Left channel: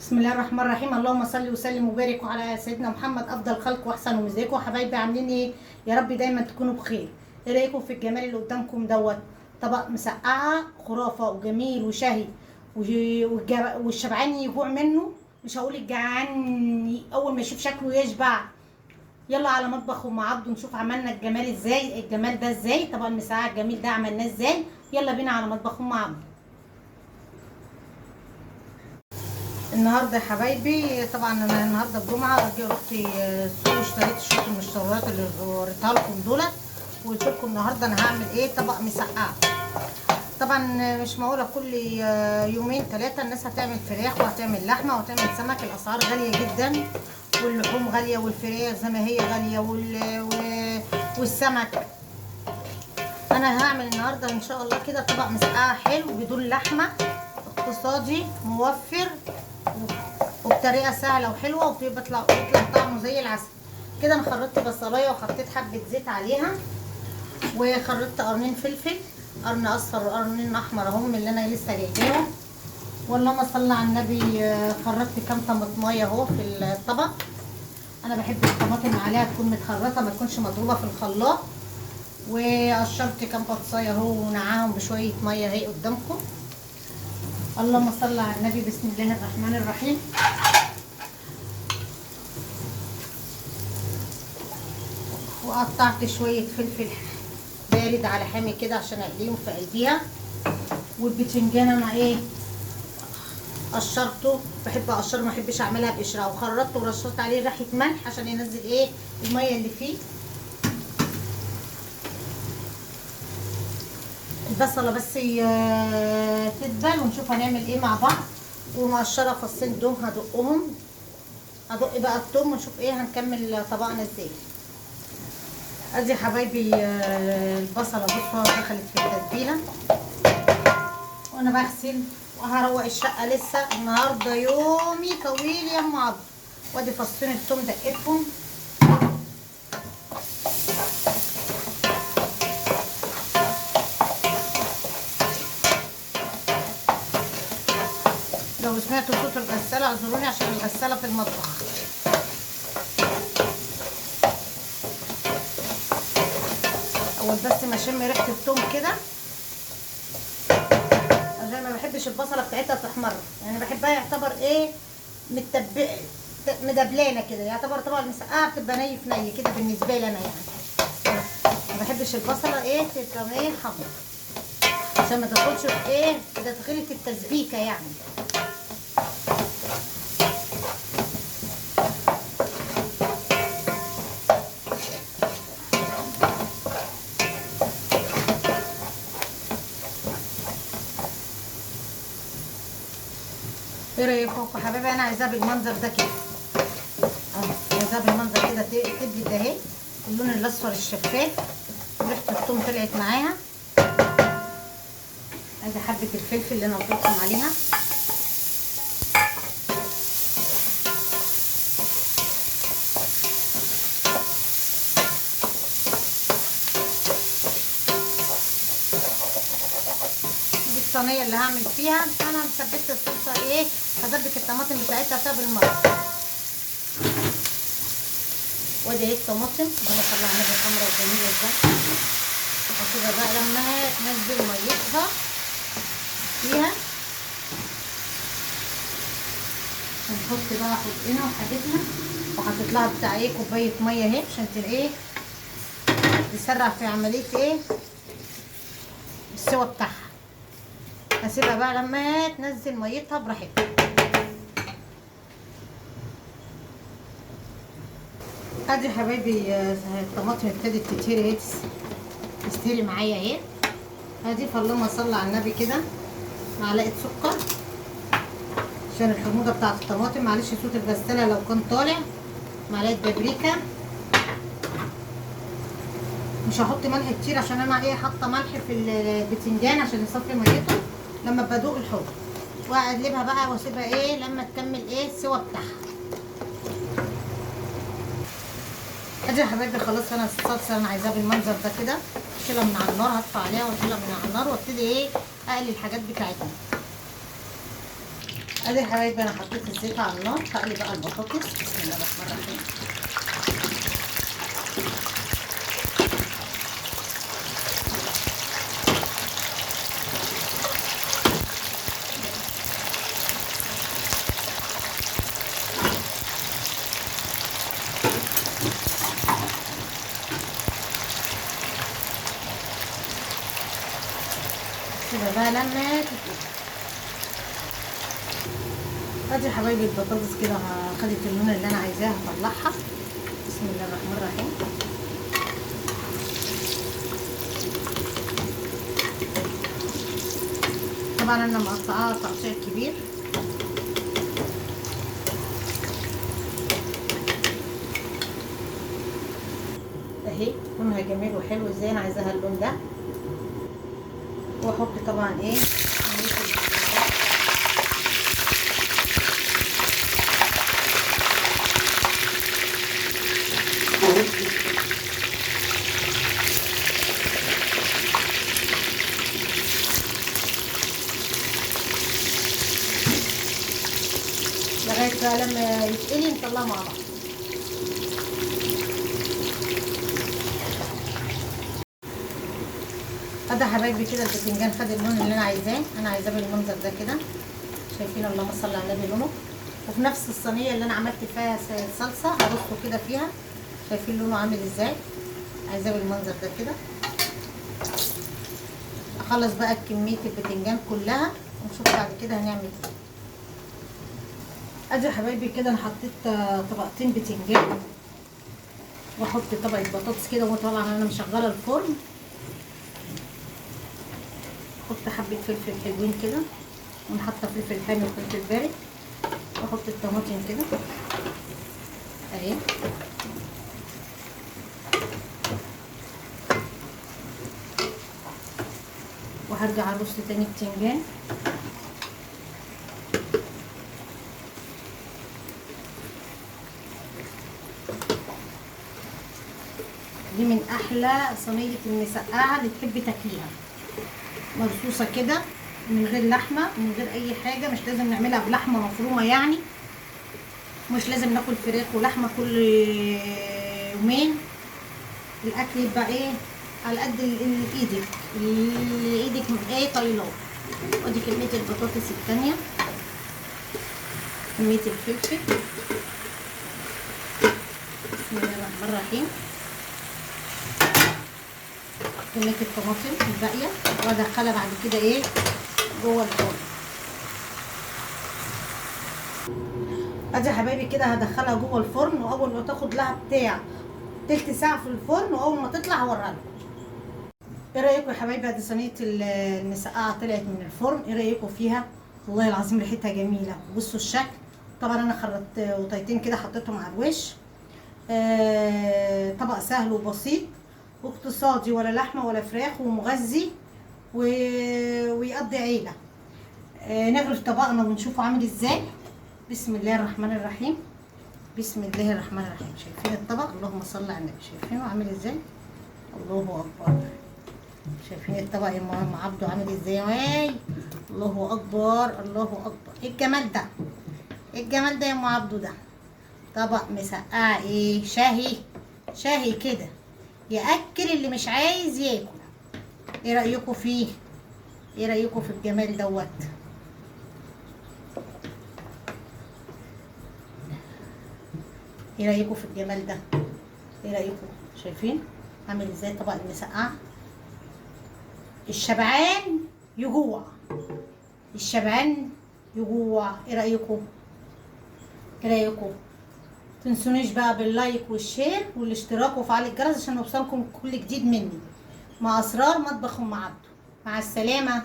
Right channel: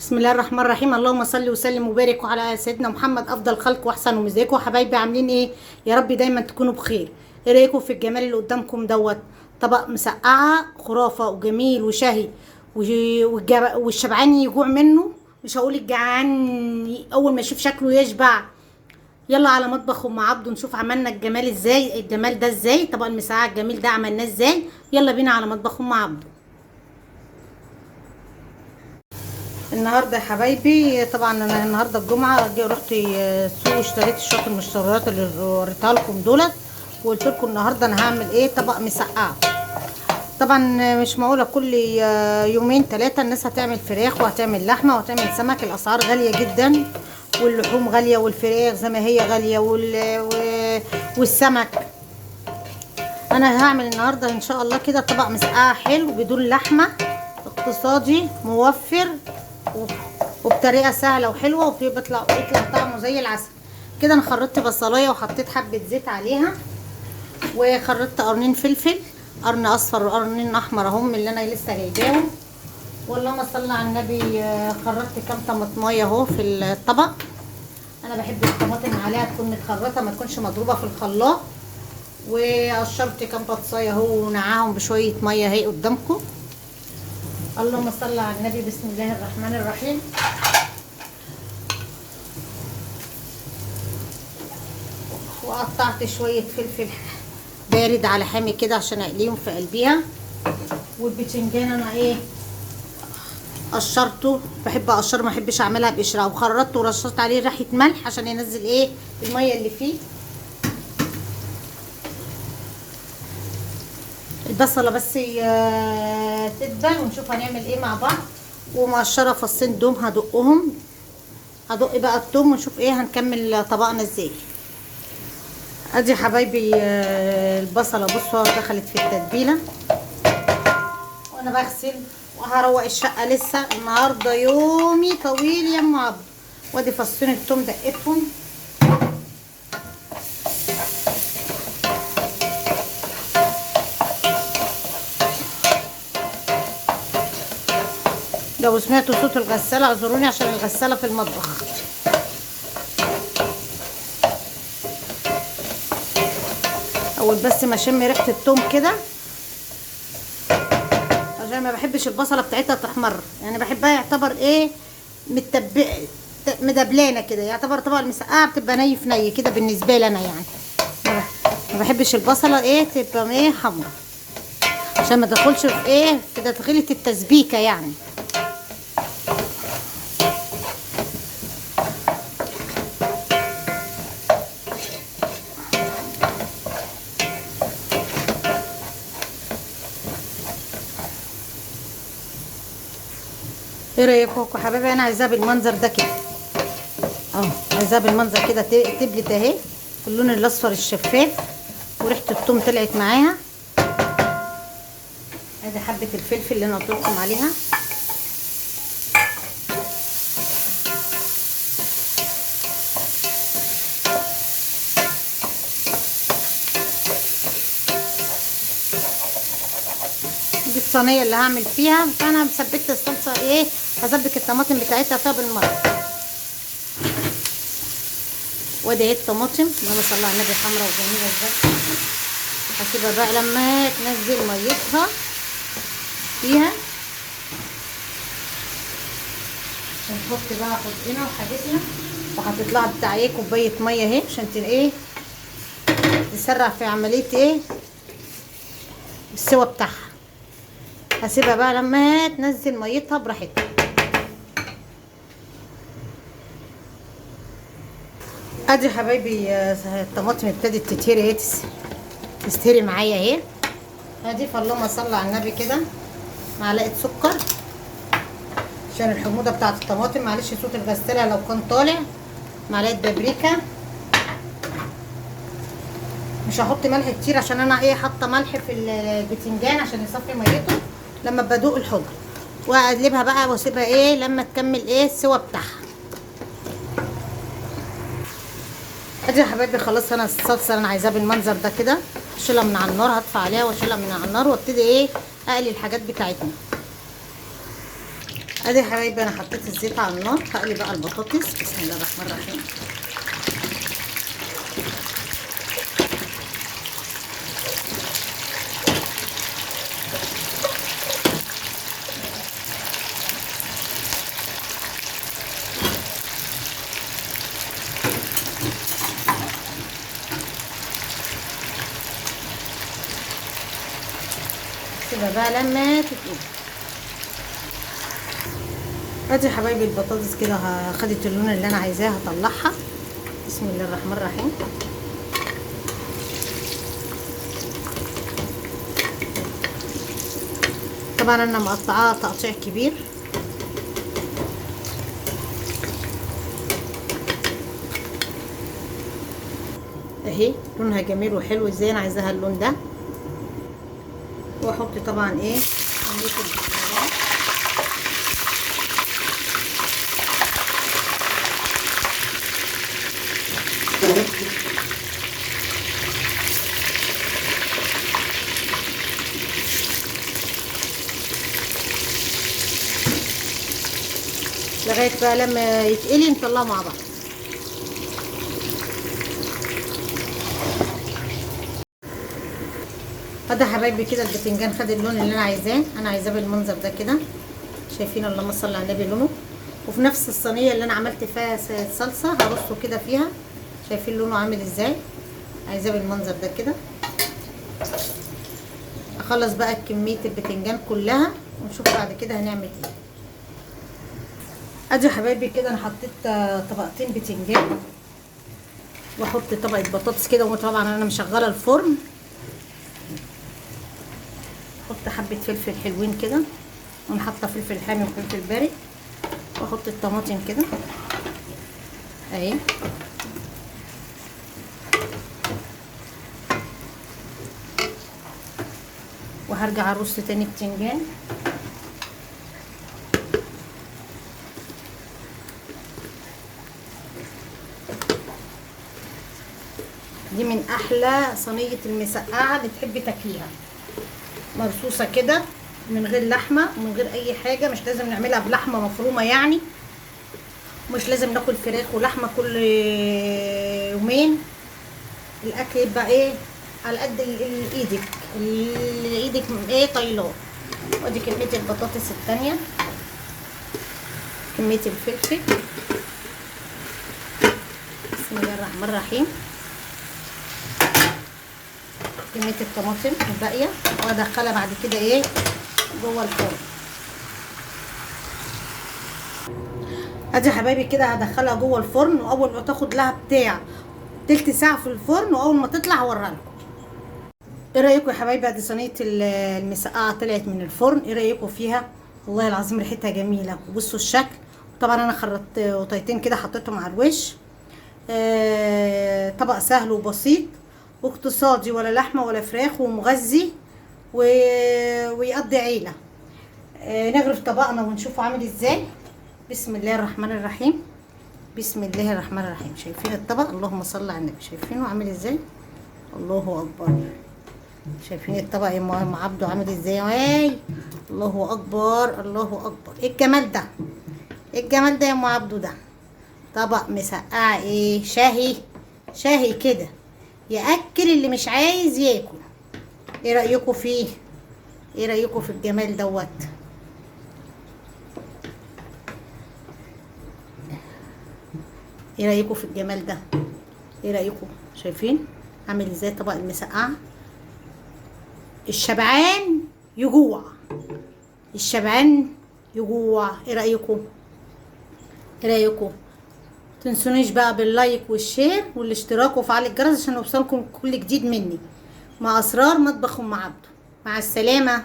بسم الله الرحمن الرحيم. اللهم صل وسلم وبارك على سيدنا محمد افضل خلق واحسن. ومزيكم حبايبي عاملين ايه؟ يا رب دايما تكونوا بخير. ايه رايكم في الجمال اللي قدامكم دوت؟ طبق مسقعه خرافه وجميل وشهي والشبعان يجوع منه. مش هقول الجعان اول ما يشوف شكله يشبع. يلا على مطبخ ام عبده نشوف عملنا الجمال ازاي، الجمال ده ازاي، طبق المسقعه الجميل ده عملناه ازاي. يلا بينا على مطبخ ام عبده. النهارده يا حبايبي طبعا انا النهارده الجمعه رحت السوق اشتريت شويه المشتريات اللي وريتها لكم دولت، وقلت لكم النهارده انا هعمل ايه، طبق مسقعه. طبعا مش معقوله كل يومين ثلاثه الناس هتعمل فراخ وهتعمل لحمه وهتعمل سمك. الاسعار غاليه جدا واللحوم غاليه والفراخ زي ما هي غاليه والسمك. انا هعمل النهارده ان شاء الله كده طبق مسقعه حلو بدون لحمه، اقتصادي موفر وبطريقه سهله وحلوه وبيطلع طعمه زي العسل. كده انا خرطت بصلايه وحطيت حبه زيت عليها، وخرطت قرنين فلفل، قرن اصفر وقرنين احمر اهم اللي انا لسه جايباهم. واللهم صل على النبي. خرطت كام طماطمايه اهو في الطبق. انا بحب الطماطم عليها تكون متخرطه ما تكونش مضروبه في الخلاط. وقشرت كام بطايه اهو ونقعهم بشويه ميه اهي قدامكم. اللهم صل على النبي. بسم الله الرحمن الرحيم. وقطعت شويه فلفل بارد على حامي كده عشان اقليهم في قلبيها. والبتنجان انا ايه قشرته، بحب اقشره ما احبش اعملها بقشره، وخرطته ورشرت عليه ريحه ملح عشان ينزل ايه الميه اللي فيه. البصله بس تدبل ونشوف هنعمل ايه مع بعض. ومقشره فصين دوم هدق بقى التوم ونشوف ايه هنكمل طبقنا ازاي. ادي حبايبي البصله بصوا دخلت في التتبيله وانا بغسل وهروق الشقه. لسه النهارده يومي طويل يا ام عبد. وادي فصين التوم دقتهم. لو سمعتوا صوت الغسالة اعذروني عشان الغسالة في المطبخ. اول بس ما اشم ريحة التوم كده، عشان ما بحبش البصلة بتاعتها تحمر، يعني بحبها يعتبر ايه مدبلانة كده، يعتبر طبق المسقعة بتبقى ني كده بالنسبة لي انا. يعني ما بحبش البصلة ايه تبقى ايه حمر، عشان ما تدخلش في ايه في تدخيلة التسبيكة يعني. ايه رايكم يا حبايبي؟ انا عايزاها بالمنظر ده كده عايزاها بالمنظر كده تبلت اهي اللون الاصفر الشفاف وريحه الثوم طلعت معاها. ادي حبه الفلفل اللي انا قلت لكم عليها. الصينيه اللي هعمل فيها، فانا مثبت الصلصه ايه، هسبك الطماطم بتاعتها فيها بالمره. وادي اهي الطماطم اللهم صل على النبي حمرا وجميله ازاي. هسيبها بقى لما تنزل ميتها فيها. ونحط بقى حدقنا وحاجتنا، وحطيت لها بتاع ايه كوبايه ميه اهي عشان ايه تسرع في عمليه ايه السوا بتاعها. هسيبها بقى لما تنزل ميتها براحتها. ادي يا حبايبي الطماطم ابتدت تتهري اهي، تستهري معايا اهي. هضيف اللهم صل على النبي كده معلقه سكر عشان الحموضه بتاعت الطماطم. معلش صوت الغساله لو كان طالع. معلقه بابريكا، مش هحط ملح كتير عشان انا ايه حاطه ملح في البتنجان عشان يصفي ميته لما بدوق الحمض. واقلبها بقى واسيبها ايه لما تكمل ايه السوا بتاعها. ادي يا حبايبي خلاص انا الصلصه انا عايزاها بالمنظر ده كده. اشيلها من على النار، هطفي عليها واشيلها من على النار وابتدي ايه اقلي الحاجات بتاعتنا. ادي يا حبايبي انا حطيت الزيت على النار. هقلي بقى البطاطس. بسم الله الرحمن الرحيم. كده بقى لما تتقلي. ادي يا حبايبي البطاطس كده خدت اللون اللي انا عايزاه. هطلعها. بسم الله الرحمن الرحيم. طبعا انا مقطعاها تقطيع كبير. اهي لونها جميل وحلو ازاي انا عايزاها اللون ده. واحط طبعا ايه لغايه بقى لما يتقلي نطلعه مع بعض. فده حبايبي كده الباذنجان خد اللون اللي انا عايزاه. انا عايزاه بالمنظر ده كده. شايفين اللهم صل على النبي لونه. وفي نفس الصينيه اللي انا عملت فيها صلصه هرصه كده فيها. شايفين لونه عامل ازاي. عايزاه بالمنظر ده كده. اخلص بقى كميه الباذنجان كلها ونشوف بعد كده هنعمل ايه. ادي يا حبايبي كده انا حطيت طبقتين باذنجان. واحط طبقه بطاطس كده. وطبعا انا مشغله الفرن. احط حبه فلفل حلوين كده. وانا حاطه فلفل حامي وفلفل بارد. واحط الطماطم كده اهي. وهرجع ارص تاني بتنجان. دي من احلى صينيه المسقعه اللي تحبي تاكليها. مرصوصه كده من غير لحمه ومن غير اي حاجه. مش لازم نعملها بلحمه مفرومه يعني. مش لازم ناكل فراخ ولحمه كل يومين. الاكل يبقى ايه على قد ايدك اللي ايدك ايه طايلاه. ادي كميه البطاطس الثانيه. كميه الفلفل. بسم الله الرحمن الرحيم. كميه الطماطم الباقيه. وادخلها بعد كده ايه جوه الفرن. ادي يا حبايبي كده هدخلها جوه الفرن. واول ما تاخد لها بتاع تلت ساعه في الفرن. واول ما تطلع هوريها لكم. ايه رايكم يا حبايبي؟ ادي صينيه المسقعه طلعت من الفرن. ايه رايكم فيها؟ والله العظيم ريحتها جميله. وبصوا الشكل. طبعا انا خرطت قطيتين كده حطيتهم على الوش. طبق سهل وبسيط واقتصادي. ولا لحمه ولا فراخ ومغذي ويقضي عيله. نغرف طبقنا ونشوفه عامل ازاي. بسم الله الرحمن الرحيم. بسم الله الرحمن الرحيم. شايفين الطبق؟ اللهم صل على النبي. شايفينه عامل ازاي؟ الله اكبر. شايفين الطبق يا ام عبده عامل ازاي؟ اي الله اكبر الله اكبر. ايه الجمال ده؟ ايه الجمال ده يا ام عبده ده؟ طبق مسقعه ايه شهي. شهي كده ياكل اللي مش عايز ياكل. ايه رايكم فيه؟ ايه رايكم في الجمال دوت؟ ايه رايكم في الجمال ده؟ ايه رايكم؟ شايفين عامل ازاي طبق المسقعه؟ الشبعان يجوع. الشبعان يجوع. ايه رايكم؟ ايه رايكم؟ تنسونيش بقى باللايك والشير والاشتراك وفعل الجرس عشان يوصلكم كل جديد مني. مع اسرار مطبخ ام عبده. مع السلامه.